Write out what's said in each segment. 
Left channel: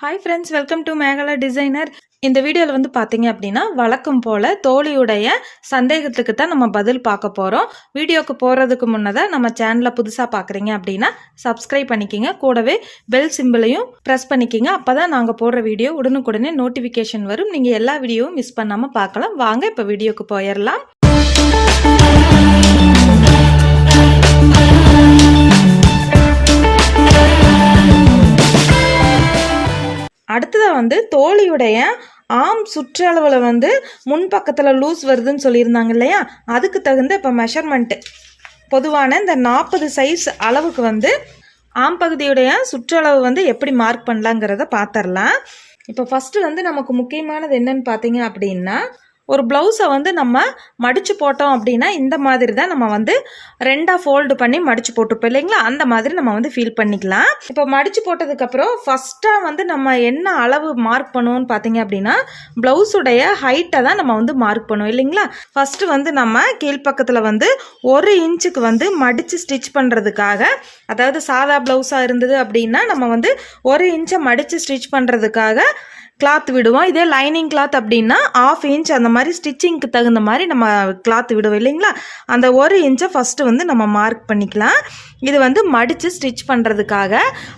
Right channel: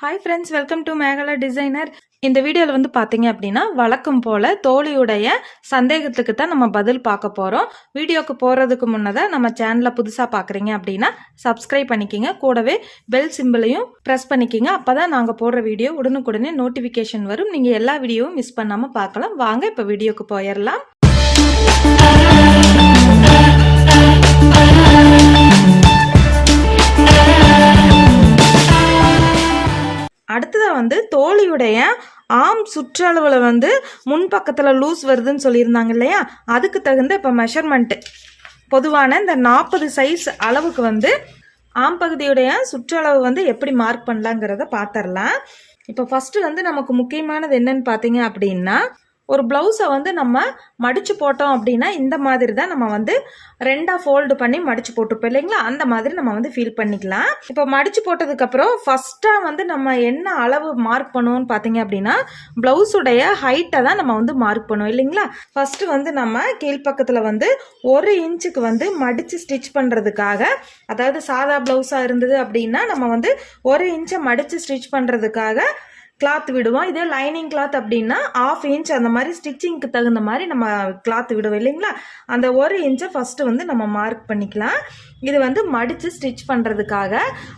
Hi friends welcome to Mekala designer இந்த வீடியோவில் வந்து பார்த்தீங்க அப்படின்னா வழக்கம் போல் தோழியுடைய சந்தேகத்துக்கு தான் நம்ம பதில் பார்க்க போகிறோம் வீடியோக்கு போகிறதுக்கு முன்னதாக நம்ம சேனலை புதுசாக பார்க்குறீங்க அப்படின்னா சப்ஸ்கிரைப் பண்ணிக்கிங்க. கூடவே பெல் சிம்பிளையும் ப்ரெஸ் பண்ணிக்கிங்க. அப்போ தான் நாங்கள் போடுற வீடியோ உடனுக்குடனே நோட்டிஃபிகேஷன் வரும். நீங்கள் எல்லா வீடியோவும் மிஸ் பண்ணாமல் பார்க்கலாம். வாங்க இப்போ வீடியோக்கு போயிடலாம். வந்து ஆம் சுற்றளவில் வந்து முன்பக்கத்தில் லூஸ் வருதுன்னு சொல்லியிருந்தாங்க இல்லையா? அதுக்கு தகுந்த இப்போ மெஷர்மெண்ட்டு பொதுவான இந்த நாற்பது சைஸ் அளவுக்கு வந்து ஆம் பகுதியுடைய சுற்றளவு வந்து எப்படி மார்க் பண்ணலாங்கிறத பார்த்துடலாம். இப்போ ஃபஸ்ட்டு வந்து நமக்கு முக்கியமானது என்னன்னு பார்த்தீங்க அப்படின்னா ஒரு ப்ளவுஸை வந்து நம்ம மடித்து போட்டோம் அப்படின்னா இந்த மாதிரி தான் நம்ம வந்து ரெண்டாக ஃபோல்டு பண்ணி மடித்து போட்டுப்போம் இல்லைங்களா? அந்த மாதிரி நம்ம வந்து ஃபீல் பண்ணிக்கலாம். இப்போ மடித்து போட்டதுக்கப்புறம் ஃபஸ்ட்டாக வந்து நம்ம என்ன அளவு மார்க் பண்ணுவோம்னு பார்த்தீங்க அப்படின்னா ப்ளவுஸுடைய ஹைட்டை தான் நம்ம வந்து மார்க் பண்ணுவோம் இல்லைங்களா? ஃபஸ்ட்டு வந்து நம்ம கீழ்ப்பக்கத்தில் வந்து ஒரு இன்ச்சுக்கு வந்து மடித்து ஸ்டிச் பண்ணுறதுக்காக அதாவது சாதா ப்ளவுஸாக இருந்தது அப்படின்னா நம்ம வந்து ஒரு இன்ச்சை மடித்து ஸ்டிச் பண்ணுறதுக்காக கிளாத் விடுவோம். இதே லைனிங் கிளாத் அப்படின்னா ஆஃப் இன்ச் அந்த மாதிரி ஸ்டிச்சிங்க்கு தகுந்த மாதிரி நம்ம கிளாத் விடுவோம் இல்லைங்களா? அந்த ஒரு இன்ச்சை ஃபஸ்ட்டு வந்து நம்ம மார்க் பண்ணிக்கலாம். இது வந்து மடித்து ஸ்டிச் பண்ணுறதுக்காக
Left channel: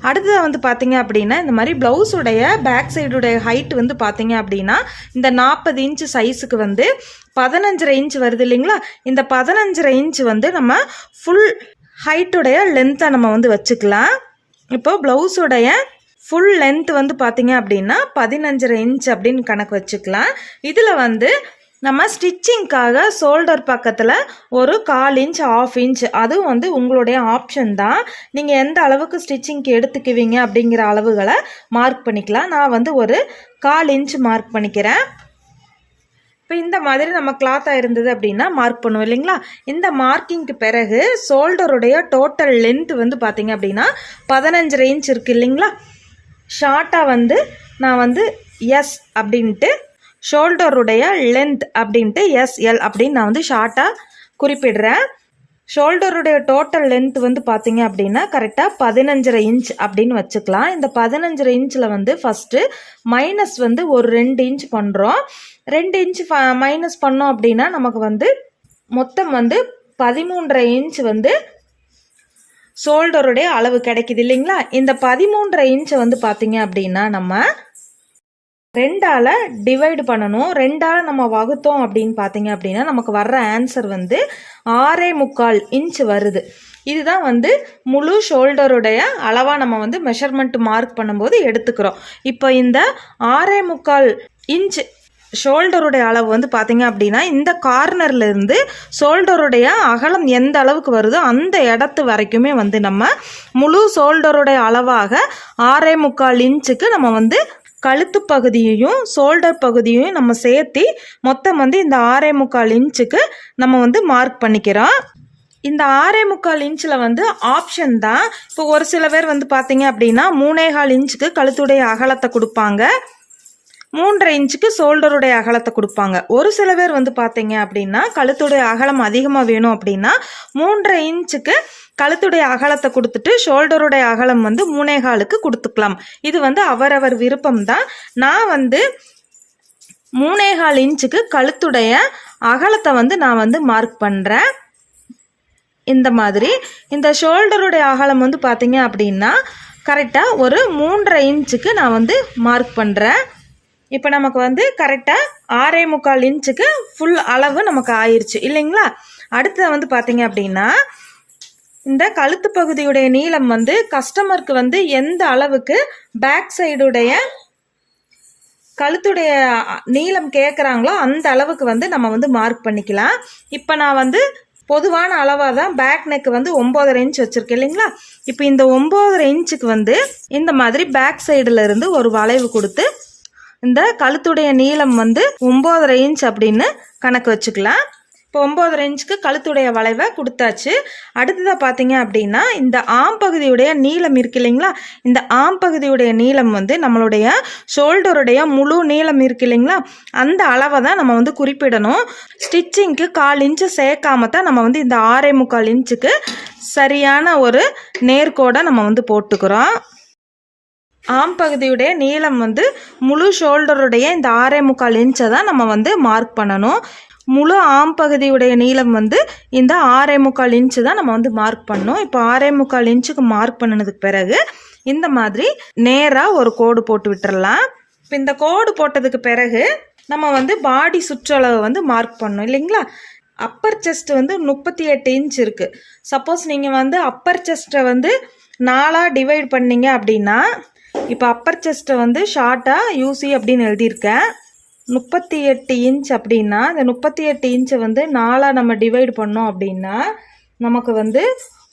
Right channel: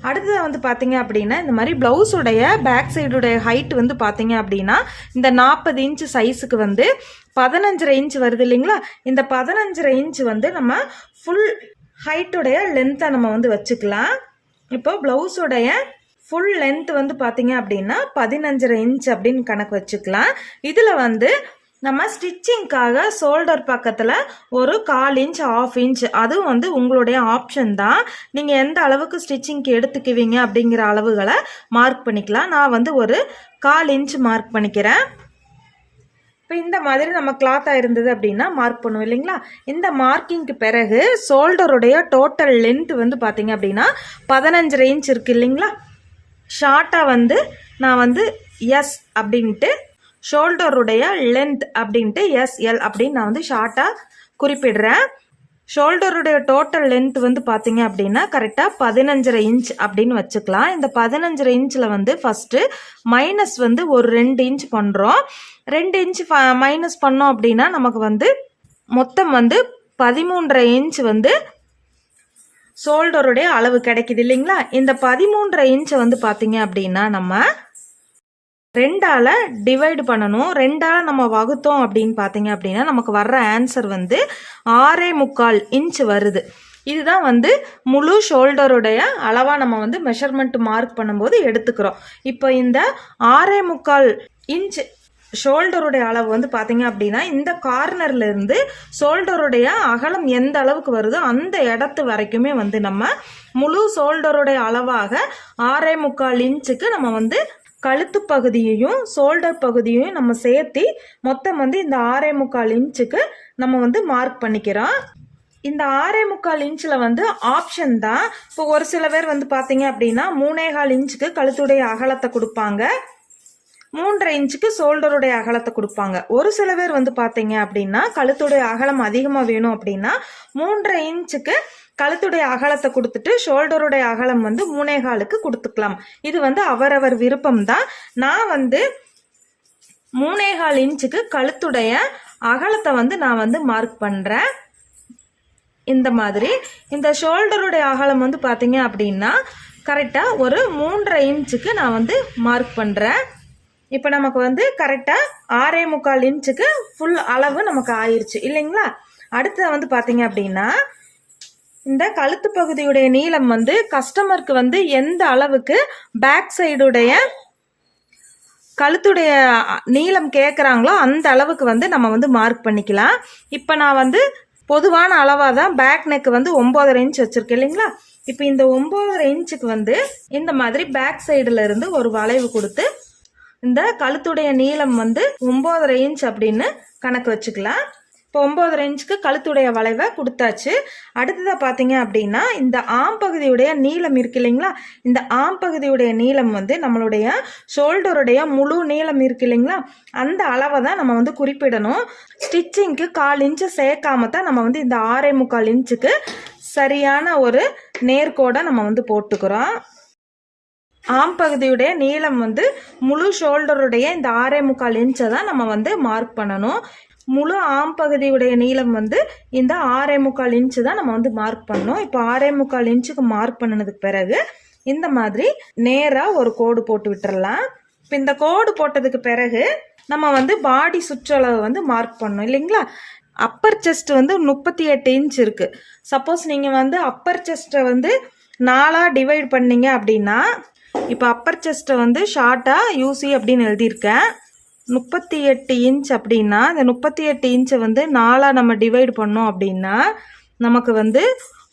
அடுத்தது வந்து பார்த்தீங்க அப்படின்னா இந்த மாதிரி ப்ளவுஸுடைய பேக் சைடுடைய ஹைட் வந்து பார்த்தீங்க அப்படின்னா இந்த நாற்பது இன்ச் சைஸுக்கு வந்து பதினஞ்சரை இன்ச் வருது இல்லைங்களா? இந்த பதினஞ்சரை இன்ச் வந்து நம்ம ஃபுல் ஹைட்டுடைய லென்த்தை நம்ம வந்து வச்சுக்கலாம். இப்போது ப்ளவுஸுடைய ஃபுல் லென்த் வந்து பார்த்தீங்க அப்படின்னா பதினஞ்சரை இன்ச் அப்படின்னு கணக்கு வச்சுக்கலாம். இதில் வந்து நம்ம ஸ்டிச்சிங்க்காக ஷோல்டர் பக்கத்தில் ஒரு கால் இன்ச் ஆஃப் இன்ச் அதுவும் வந்து உங்களுடைய ஆப்ஷன் தான். நீங்கள் எந்த அளவுக்கு ஸ்டிச்சிங்க்கு எடுத்துக்குவீங்க அப்படிங்கிற அளவுகளை மார்க் பண்ணிக்கலாம். நான் வந்து ஒரு கால் இன்ச் மார்க் பண்ணிக்கிறேன். இப்போ இந்த மாதிரி நம்ம கிளாத்தாக இருந்தது அப்படின்னா மார்க் பண்ணுவோம் இல்லைங்களா? இந்த மார்க்கிங்க்கு பிறகு ஷோல்டருடைய டோட்டல் லென்த் வந்து பார்த்தீங்க அப்படின்னா பதினஞ்சரை இன்ச் இருக்குது இல்லைங்களா? ஷார்ட்டாக வந்து நான் வந்து எஸ் அப்படின்ட்டு ஷோல்டருடைய லென்த் அப்படின்ட்டு எஸ்எல் அப்படின்னு நான் வந்து ஷார்ட்டாக குறிப்பிடுறேன். ஷோல்டருடைய டோட்டல் லென்த் வந்து பார்த்தீங்க அப்படின்னா கரெக்டாக பதினஞ்சரை இன்ச் அப்படின்னு வச்சுக்கலாம். இந்த பதினஞ்சரை இன்ச்சில் வந்து ஃபஸ்ட்டு மைனஸ் வந்து ஒரு ரெண்டு இன்ச் பண்ணுறோம் ரெண்டு இன்ச் மைனஸ் பண்ணோம் அப்படின்னா நமக்கு வந்து மொத்தம் வந்து பதிமூன்றரை இன்ச் வந்து ஷோல்டருடைய அளவு கிடைக்குது இல்லைங்களா? இந்த பதிமூன்றரை இன்ச்சை வந்து பார்த்தீங்க அப்படின்னா நம்ம ரெண்டால் டிவைடு பண்ணணும். ரெண்டால் நம்ம வகுத்தோம் அப்படின்னு பார்த்தீங்க அப்படின்னா நமக்கு வர்ற ஆன்சர் வந்து ஆறே முக்கால் இன்ச் வருது. இதுதான் வந்து முழு ஷோல்டருடைய அளவாக நம்ம வந்து மெஷர்மெண்ட் மார்க் பண்ணும்போது எடுத்துக்கிறோம். இப்போ இந்த ஆறே முக்கால் இன்ச் ஷோல்டருடைய அளவு வந்து பார்த்தீங்க அப்படின்னா இந்த கார்னர்லேருந்து ஷோல்டருடைய அகலம் எந்த அளவுக்கு வருதோ அந்த இடத்து வரைக்குமே வந்து நம்ம முழு ஷோல்டருடைய அளவாக ஆறே முக்கால் இன்ச்சுக்கு நம்ம வந்து கழுத்து பகுதியையும் ஷோல்டர் பகுதியையும் நம்ம சேர்த்தி மொத்தம் வந்து இந்த ஆறே முக்கால் இன்ச்சுக்கு நம்ம வந்து மார்க் பண்ணிக்கிறோம். இந்த ஆறே முக்கால் இன்ச்சில் வந்து ஆப்ஷன் தான். இப்போ ஒரு சில பேர் வந்து பார்த்தீங்க அப்படின்னா மூணே கால் இன்ச்சுக்கு கழுத்துடைய அகலத்தை கொடுப்பாங்க. மூன்றரை இன்ச்சுக்கு ஷோல்டருடைய அகலத்தை கொடுப்பாங்க. ஒரு சில பேர் வந்து பார்த்தீங்க அப்படின்னா கழுத்துடைய அகலம் அதிகமாக வேணும் அப்படின்னா மூன்றரை இன்ச்சுக்கு கழுத்துடைய அகலத்தை கொடுத்துட்டு ஷோல்டருடைய அகலம் வந்து மூணேகாலுக்கு கொடுத்துக்கலாம். இது வந்து அவரவர் விருப்பம் தான். நான் வந்து மூணேகால் இன்ச்சுக்கு கழுத்துடைய அகலத்தை வந்து நான் வந்து மார்க் பண்ணுறேன் இந்த மாதிரி இந்த ஷோல்டருடைய அகலம் வந்து பார்த்தீங்க அப்படின்னா கரெக்டாக ஒரு மூன்றரை இன்ச்சுக்கு நான் வந்து மார்க் பண்ணுறேன் இப்போ நமக்கு வந்து கரெக்டாக ஆறே முக்கால் இன்ச்சுக்கு ஃபுல் அளவு நமக்கு ஆயிடுச்சு இல்லைங்களா? அடுத்தது வந்து பார்த்தீங்க அப்படின்னா இந்த கழுத்து பகுதியுடைய நீளம் வந்து கஸ்டமருக்கு வந்து எந்த அளவுக்கு பேக் சைடுடைய கழுத்துடைய நீளம் கேட்குறாங்களோ அந்த அளவுக்கு வந்து நம்ம வந்து மார்க் பண்ணிக்கலாம். இப்போ நான் வந்து பொதுவான அளவாக தான் பேக் நெக் வந்து ஒம்போதரை இன்ச் வச்சுருக்கேன் இல்லைங்களா? இப்போ இந்த ஒம்போதரை இன்ச்சுக்கு வந்து இந்த மாதிரி பேக் சைடில் இருந்து ஒரு வளைவு கொடுத்து இந்த கழுத்துடைய நீளம் வந்து ஒம்போதரை இன்ச் அப்படின்னு கணக்கு வச்சுக்கலாம். இப்போ ஒம்போதரை இன்ச்சுக்கு கழுத்துடைய வளைவை கொடுத்தாச்சு. அடுத்ததாக பார்த்தீங்க அப்படின்னா இந்த ஆம் பகுதியுடைய நீளம் இருக்கு இல்லைங்களா? இந்த ஆம் பகுதியுடைய நீளம் வந்து நம்மளுடைய ஷோல்டருடைய முழு நீளம் இருக்கு இல்லைங்களா? அந்த அளவை தான் நம்ம வந்து குறிப்பிடணும். ஸ்டிச்சிங்க்கு கால் இன்ச்சு சேர்க்காம தான் நம்ம வந்து இந்த ஆறே முக்கால் இன்ச்சுக்கு சரியான ஒரு நேர்கோடை நம்ம வந்து போட்டுக்கிறோம். ஆம் பகுதியுடைய நீளம் வந்து முழு ஷோல்டருடைய இந்த ஆறே முக்கால் இன்ச்சை தான் நம்ம வந்து மார்க் பண்ணணும். முழு ஆம் பகுதியுடைய நீளம் வந்து இந்த ஆறே முக்கால் இன்ச்சு தான் நம்ம வந்து மார்க் பண்ணணும். இப்போ ஆறே முக்கால் இன்ச்சுக்கு மார்க் பண்ணினதுக்கு பிறகு இந்த மாதிரி நேராக ஒரு கோடு போட்டு விட்டுறலாம். இப்போ இந்த கோடு போட்டதுக்கு பிறகு நம்ம வந்து பாடி சுற்றளவு வந்து மார்க் பண்ணோம் இல்லைங்களா? அப்பர் செஸ்ட் வந்து முப்பத்தி எட்டு இன்ச் இருக்குது சப்போஸ் நீங்கள் வந்து அப்பர் செஸ்ட்டை வந்து நாலாக டிவைட் பண்ணீங்க அப்படின்னா இப்போ அப்பர் செஸ்ட்டை வந்து ஷார்ட்டாக யூசி அப்படின்னு எழுதியிருக்கேன். முப்பத்தி எட்டு இன்ச் அப்படின்னா இந்த முப்பத்தி எட்டு இன்ச்சை வந்து நாலாக நம்ம டிவைட் பண்ணோம் அப்படின்னா நமக்கு வந்து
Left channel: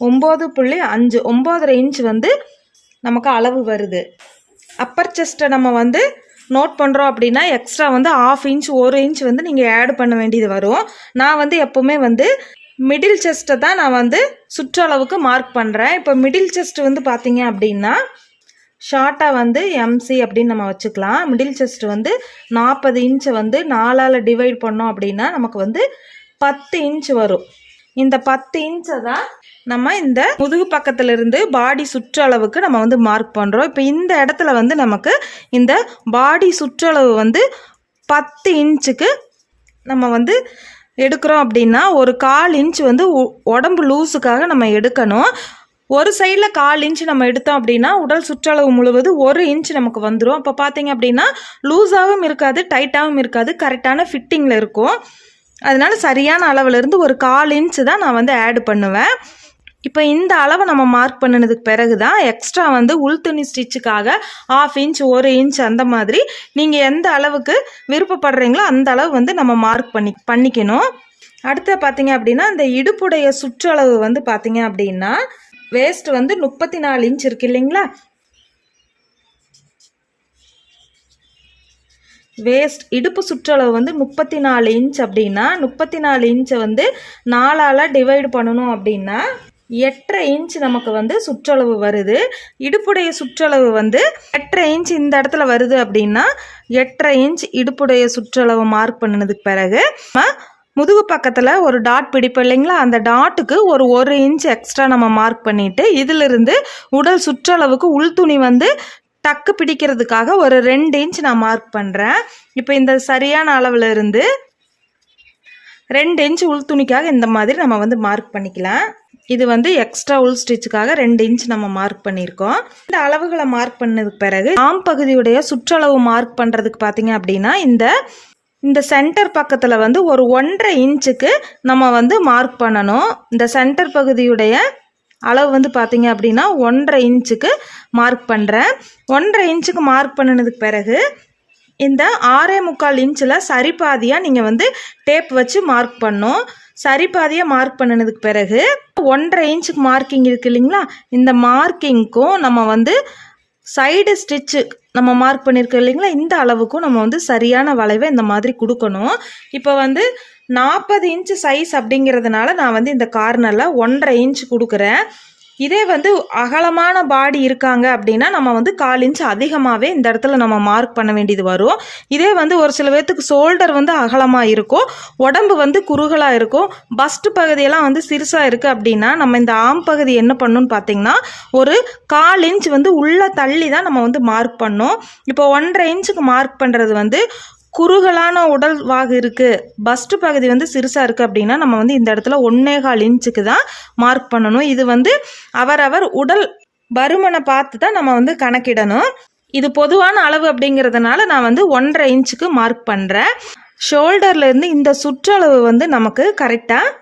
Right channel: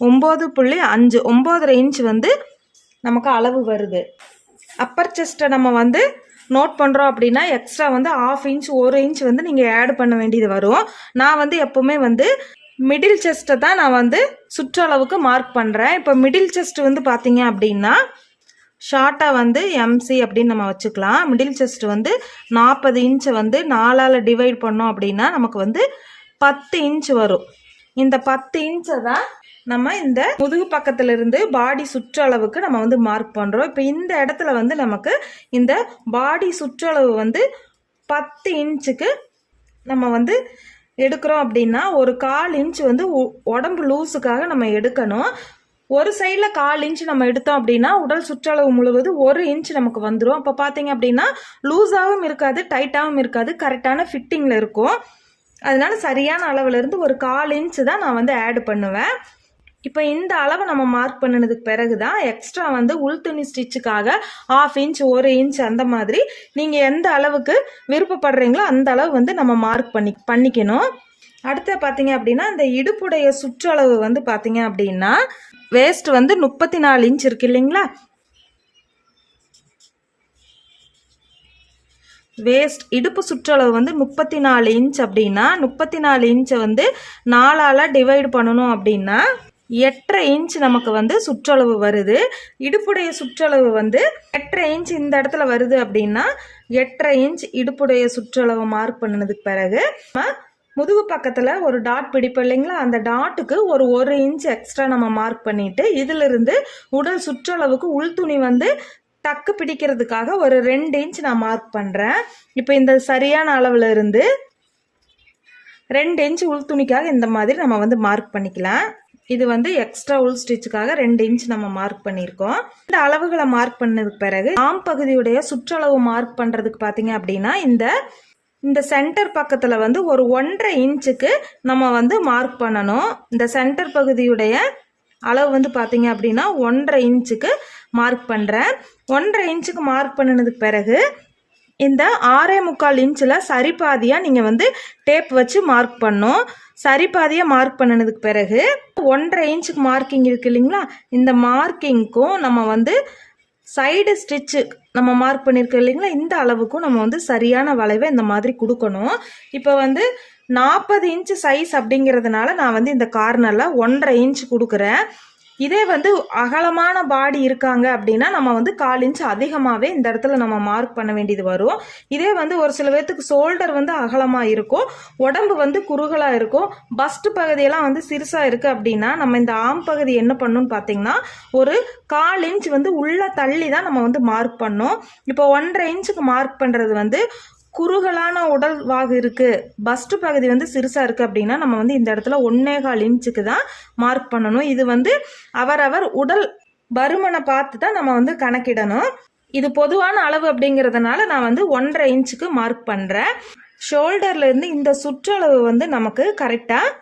ஒம்பது புள்ளி அஞ்சு ஒம்போதரை இன்ச் வந்து நமக்கு அளவு வருது. அப்பர் செஸ்ட்டை நம்ம வந்து நோட் பண்ணுறோம் அப்படின்னா எக்ஸ்ட்ரா வந்து ஆஃப் இன்ச் ஒரு இன்ச் வந்து நீங்கள் ஆட் பண்ண வேண்டியது வரும். நான் வந்து எப்போவுமே வந்து மிடில் செஸ்ட்டை தான் நான் வந்து சுற்றளவுக்கு மார்க் பண்ணுறேன் இப்போ மிடில் செஸ்ட் வந்து பார்த்தீங்க அப்படின்னா ஷார்ட்டாக வந்து எம்சி அப்படின்னு நம்ம வச்சுக்கலாம். மிடில் செஸ்ட் வந்து நாற்பது இன்ச்சை வந்து நாலால் டிவைட் பண்ணோம் அப்படின்னா நமக்கு வந்து பத்து இன்ச் வரும். இந்த பத்து இன்ச்சை தான் நம்ம இந்த முதுகு பக்கத்துல இருந்து பாடி சுற்றளவுக்கு நம்ம வந்து மார்க் பண்ணுறோம் இப்போ இந்த இடத்துல வந்து நமக்கு இந்த பாடி சுற்றளவு வந்து பத்து இன்ச்சுக்கு நம்ம வந்து எடுக்கிறோம் அப்படின்னா ஒரு கால் இன்ச் வந்து உடம்பு லூஸுக்காக நம்ம எடுக்கணும். ஒரு சைடில் கால் இன்ச் நம்ம எடுத்தோம் அப்படின்னா உடல் சுற்றளவு முழுவது ஒரு இன்ச் நமக்கு வந்துடும் அப்போ பார்த்தீங்க அப்படின்னா லூஸாகவும் இருக்காது டைட்டாகவும் இருக்காது கரெக்டான ஃபிட்டிங்கில் இருக்கும். அதனால சரியான அளவுலேருந்து ஒரு கால் இன்ச் தான் நான் வந்து ஆட் பண்ணுவேன். இப்போ இந்த அளவை நம்ம மார்க் பண்ணினதுக்கு பிறகு தான் எக்ஸ்ட்ரா வந்து உள் துணி ஸ்டிச்சுக்காக ஆஃப் இன்ச் ஒரு இன்ச் அந்த மாதிரி நீங்கள் எந்த அளவுக்கு விருப்பப்படுறீங்களோ அந்த அளவு வந்து நம்ம மார்க் பண்ணி பண்ணிக்கணும். அடுத்து பார்த்தீங்க அப்படின்னா இந்த இடுப்புடைய சுற்றளவு வந்து பார்த்தீங்க அப்படின்னா வேஸ்ட் வந்து முப்பத்தி நாலு இன்ச் இருக்கு இல்லைங்களா? வேஸ்ட் இடுப்பு சுற்றளவு வந்து முப்பத்தி நாலு இன்ச் அப்படின்னா முப்பத்தி நாலு இன்ச்சை வந்து நாலால் டிவைட் பண்ணணும் அப்படின்னா எட்டரை இன்ச் நமக்கு வந்து சுற்றளவு வருது. இடுப்புடைய சுற்றளவு வந்து எட்டரை இன்ச் இந்த இடத்துல வருது அப்படின்னா எட்டரை இன்ச் இடுப்புடைய சுற்றளவு மார்க் பண்ணினதுக்கு பிறகு முதுகு பக்கத்தில் ஒரு டாட் பிடிப்போம் இல்லைங்களா? அந்த டாட்டுக்கு ஒரு ஒரு இன்ச் எக்ஸ்ட்ரா நம்ம மார்க் பண்ணிவிட்டு இதிலிருந்து உடல் சுற்றளவுக்கு உள்துணி வந்து டக்கு பிடிக்கிறதுக்காக ஒரு ரெண்டு இன்ச் நான் மார்க் பண்ணுறேன் இப்போ இந்த சரியான அளவில் இருந்து ரெண்டு இன்ச் உள் துணிக்காக இந்த மாதிரி நம்ம வந்து மார்க் பண்ணிக்கலாம். இது வந்து எக்ஸ்ட்ரா உள் ஸ்டிச்சுக்காக ரெண்டு இன்ச் நம்ம மார்க் பண்ணியிருக்கோம். இந்த அளவுகளை மார்க் பண்ணதுக்கு பிறகு ஆம் பகுதியுடைய சுற்றளவு மார்க் பண்ணுறதுக்கு பார்த்தீங்க அப்படின்னா இந்த இந்த சென்டர் பக்கத்தில் வந்து ஒரு ஒன்றரை இன்ச்சுக்கு நம்ம வந்து மார்க் பண்ணணும். இந்த சென்டர் பகுதியுடைய அளவு வந்து பார்த்தீங்க அப்படின்னா ஒன்றரை இன்ச்சுக்கு மார்க் பண்ணுறேன் ஒன்றரை இன்ச்சுக்கு மார்க் பண்ணினதுக்கு பிறகு இந்த ஆறே முக்கால் இன்ச்சில் சரிபாதியாக நீங்கள் வந்து டேப் வச்சு மார்க் பண்ணணும். சரிபாதியாக மார்க் பண்ணினதுக்கு பிறகு ஒன்றரை இன்ச்சுக்கு மார்க்கிங் இருக்கு இல்லைங்களா? இந்த மார்க்கிங்க்கும் நம்ம வந்து சைடு ஸ்டிச்சு நம்ம மார்க் பண்ணியிருக்கோம் இல்லைங்களா? இந்த அளவுக்கும் நம்ம வந்து சரியான வளைவை இந்த மாதிரி கொடுக்கணும். இப்போ வந்து நாற்பது இன்ச்சு சைஸ் அப்படிங்கிறதுனால நான் வந்து இந்த கார்னரில் ஒன்றரை இன்ச் கொடுக்குறேன். இதே வந்து அகலமான பாடி இருக்காங்க அப்படின்னா நம்ம வந்து கால் இன்ச் அதிகமாகவே இந்த இடத்துல நம்ம மார்க் பண்ண வேண்டியது வரும். இதே வந்து ஒரு சில பேர்த்துக்கு ஷோல்டர் வந்து அகலமாக இருக்கும். உடம்பு வந்து குறுகலாக இருக்கும். பஸ்ட் பகுதியெல்லாம் வந்து சிறுசாக இருக்குது அப்படின்னா நம்ம இந்த ஆம் பகுதி என்ன பண்ணணும்னு பார்த்தீங்கன்னா ஒரு கால் இன்ச் வந்து உள்ளே தள்ளி தான் நம்ம வந்து மார்க் பண்ணோம். இப்போ ஒன்றரை இன்ச்சுக்கு மார்க் பண்ணுறது வந்து குறுகலான உடல் வாகு இருக்குது பஸ்ட் பகுதி வந்து சிறுசாக இருக்குது அப்படின்னா நம்ம வந்து இந்த இடத்துல ஒன்னே கால் இன்ச்சுக்கு தான் மார்க் பண்ணணும். இது வந்து அவரவர் உடல் பருமனை பார்த்து தான் நம்ம வந்து கணக்கிடணும். இது பொதுவான அளவு அப்படிங்கிறதுனால நான் வந்து ஒன்றரை இன்ச்சுக்கு மார்க் பண்ணுறேன் ஷோல்டர்லேருந்து இந்த சுற்றளவு வந்து நமக்கு கரெக்டாக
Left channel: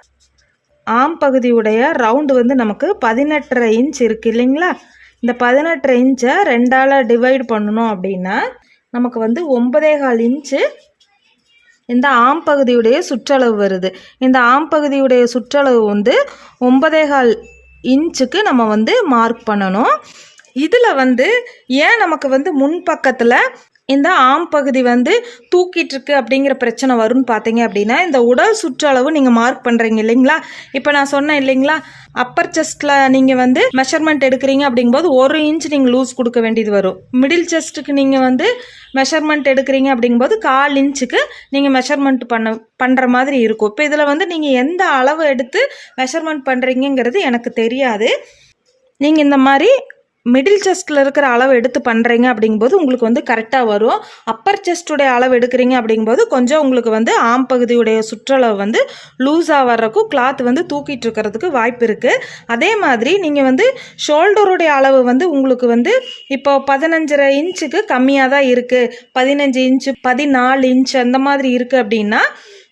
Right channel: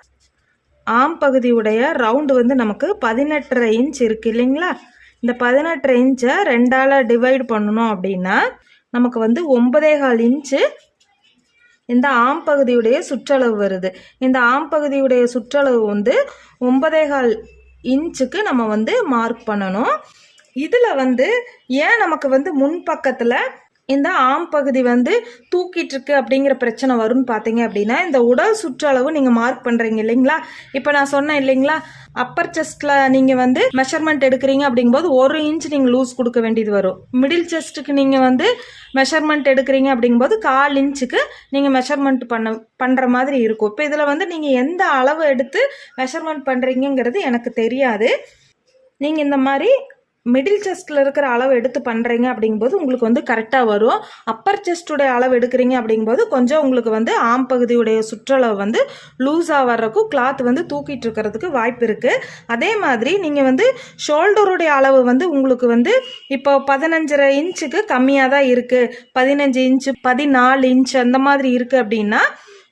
ஆம் பகுதியுடைய ரவுண்டு வந்து நமக்கு பதினெட்டரை இன்ச் இருக்குது இல்லைங்களா? இந்த பதினெட்டரை இன்ச்சை ரெண்டால் டிவைட் பண்ணணும் அப்படின்னா நமக்கு வந்து ஒன்பதே கால் இன்ச்சு இந்த ஆம் பகுதியுடைய சுற்றளவு வருது. இந்த ஆம் பகுதியுடைய சுற்றளவு வந்து ஒன்பதே கால் இன்ச்சுக்கு நம்ம வந்து மார்க் பண்ணணும். இதில் வந்து ஏன் நமக்கு வந்து முன்பக்கத்தில் இந்த ஆம் பகுதி வந்து தூக்கிட்டு இருக்கு அப்படிங்கிற பிரச்சனை வரும்னு பார்த்தீங்க அப்படின்னா இந்த உடல் சுற்றளவு நீங்கள் மார்க் பண்ணுறீங்க இல்லைங்களா? இப்போ நான் சொன்னேன் இல்லைங்களா? அப்பர் செஸ்ட்டில் நீங்கள் வந்து மெஷர்மெண்ட் எடுக்கிறீங்க அப்படிங்கும்போது ஒரு இன்ச் நீங்கள் லூஸ் கொடுக்க வேண்டியது வரும். மிடில் செஸ்ட்டுக்கு நீங்கள் வந்து மெஷர்மெண்ட் எடுக்கிறீங்க அப்படிங்கும்போது கால் இன்ச்சுக்கு நீங்கள் மெஷர்மெண்ட் பண்ண பண்ணுற மாதிரி இருக்கும். இப்போ இதில் வந்து நீங்கள் எந்த அளவு எடுத்து மெஷர்மெண்ட் பண்ணுறீங்கங்கிறது எனக்கு தெரியாது. நீங்கள் இந்த மாதிரி மிடில் செஸ்ட்டில் இருக்கிற அளவு எடுத்து பண்ணுறீங்க அப்படிங்கும்போது உங்களுக்கு வந்து கரெக்டாக வரும். அப்பர் செஸ்ட்டுடைய அளவு எடுக்கிறீங்க அப்படிங்கும்போது கொஞ்சம் உங்களுக்கு வந்து ஆம் பகுதியுடைய சுற்றளவு வந்து லூஸாக வர்றக்கும் கிளாத் வந்து தூக்கிட்டு இருக்கிறதுக்கு வாய்ப்பு இருக்குது அதே மாதிரி நீங்கள் வந்து ஷோல்டருடைய அளவு வந்து உங்களுக்கு வந்து இப்போ பதினஞ்சரை இன்ச்சுக்கு கம்மியாக தான் இருக்குது பதினஞ்சு இன்ச்சு பதினாலு இன்ச் அந்த மாதிரி இருக்குது அப்படின்னா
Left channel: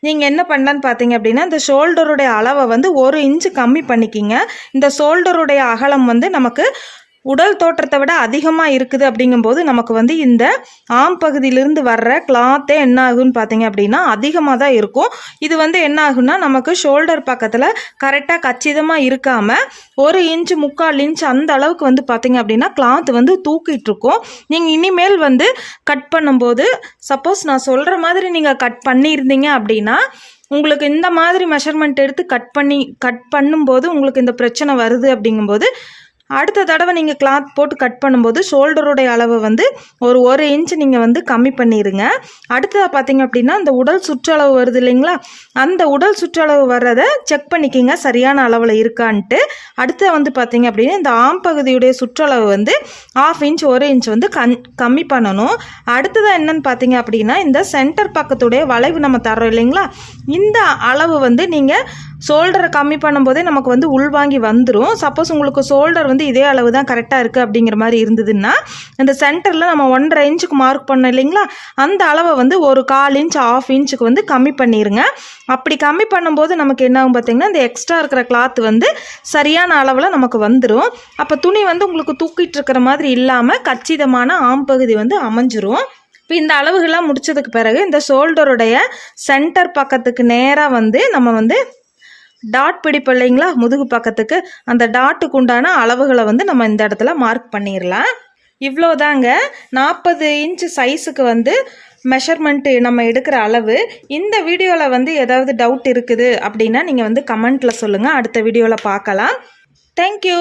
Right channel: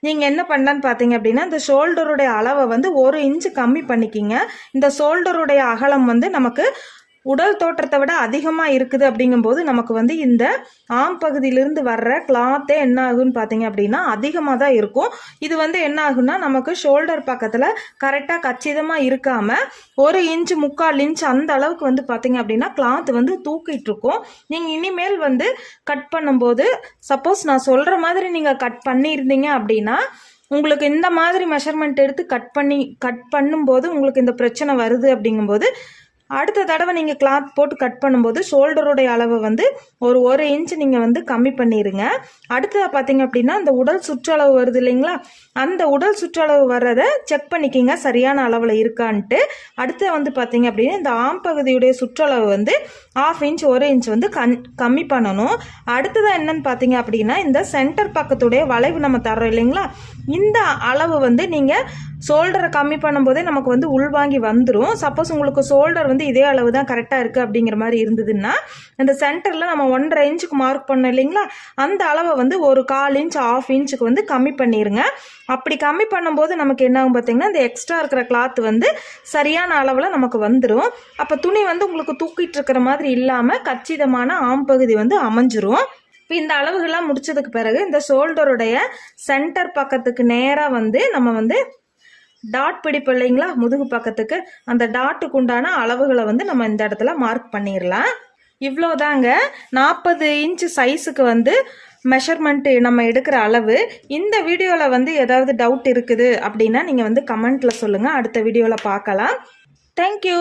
நீங்கள் என்ன பண்ணலான்னு பார்த்தீங்க அப்படின்னா இந்த ஷோல்டருடைய அளவை வந்து ஒரு இன்ச்சு கம்மி பண்ணிக்கிங்க. இந்த ஷோல்டருடைய அகலம் வந்து நமக்கு உடல் தோற்றத்தை விட அதிகமாக இருக்குது அப்படிங்கும்போது நமக்கு வந்து இந்த ஆம் பகுதியிலிருந்து வர்ற கிளாத்தே என்ன ஆகுன்னு பார்த்தீங்க அப்படின்னா அதிகமாக தான் இருக்கும். இது வந்து என்ன ஆகுன்னா நமக்கு ஷோல்டர் பக்கத்தில் கரெக்டாக கச்சிதமாக இருக்காமல் ஒரு இன்ச் முக்கால் இன்ச் அந்த அளவுக்கு வந்து பார்த்தீங்க அப்படின்னா கிளாத் வந்து தூக்கிட்டு இருக்கும். நீங்கள் இனிமேல் வந்து கட் பண்ணும்போது சப்போஸ் நான் சொல்கிற மாதிரி நீங்கள் கட் பண்ணியிருந்தீங்க அப்படின்னா உங்களுக்கு இந்த மாதிரி மெஷர்மெண்ட் எடுத்து கட் பண்ணி கட் பண்ணும்போது உங்களுக்கு இந்த பிரச்சனை வருது அப்படிங்கும்போது அடுத்த தடவை நீங்கள் கிளாத் போட்டு கட் பண்ணும்போது ஷோல்டருடைய அளவை வந்து ஒரு ஒரு இன்ச் நீங்கள் வந்து கம்மி பண்ணிடுங்க அடுத்ததாக பார்த்தீங்க அப்படின்னா அந்த உடல் சுற்றளவு வருது இல்லைங்களா? அந்த உடல் சுற்றளவு வர்றதை செக் பண்ணிக்கிங்க. சரியான அளவில் இருக்கான்ட்டு. அடுத்த வந்து பார்த்தீங்க அப்படின்னா இந்த ஆம் பகுதியுடைய சுற்றளவு வந்து ஆஃப் இன்ச் ஒரு இன்ச் வந்து கண் கம்மி பண்ணணும். அடுத்ததாக என்னன்னு பார்த்தீங்க அப்படின்னா இந்த சென்டர் பக்கத்துடைய வளைவு நம்ம தரோம் இல்லைங்களா? இந்த அளவு வந்து நீங்கள் ஷோல்டரை கம்மி பண்ணும்போதே நமக்கு வந்து உள்வாங்கி வந்துடும் சப்போஸ் உங்களுக்கு ஷோல்டர் வந்து இதே அளவு தான் கரெக்டாக இருக்குது அப்படிங்கிற மாதிரி இருந்ததுன்னா இந்த சென்டரில் நம்ம ஒன்றரை இன்ச்சுக்கு மார்க் பண்ணோம் இல்லைங்களா? அந்த அளவை வந்து ஒரு கால் இன்ச் ஆஃப் இன்ச்சுக்கு வந்து கம்மி பண்ணிடுங்க அப்படி கம்மி பண்ணும்போது நமக்கு என்ன ஆகும் பார்த்தீங்கன்னா இந்த எக்ஸ்ட்ரா இருக்கிற கிளாத் வந்து சரியான அளவில் நமக்கு வந்துடும் அப்போ துணி வந்து உங்களுக்கு தூக்கிட்டு இருக்கிற மாதிரி இல்லாமல் கச்சிதமான ஆம்பகுதி வந்து அமைஞ்சிரும். இப்போ இந்த அளவுகள்லாம் முடிச்சதுக்கு பிறகு இந்த ஷோல்டருடைய சென்டர் பக்கத்துக்கு நேராக வந்து நம்ம வந்து டாட் பிடிப்போம் இல்லைங்களா? முதுகு பக்கத்துக்கு அந்த டாட்டுக்கு உண்டான அளவுகளை வந்து நம்ம இந்த இடத்துல மார்க் பண்ணிடலாம் இவ்வளோதாங்க நாற்பது இன்ச் சைஸுக்கு வந்து மெஷர்மெண்ட்டு நம்ம எடுக்கிற அளவு. இந்த வீடியோவில் வந்து ஏதாவது டவுட் இருக்குது அப்படின்னா நீங்கள் வந்து கமெண்ட்டில் சொல்லுங்கள் அடுத்த வீடியோவில் பார்க்கலாம். தேங்க்யூ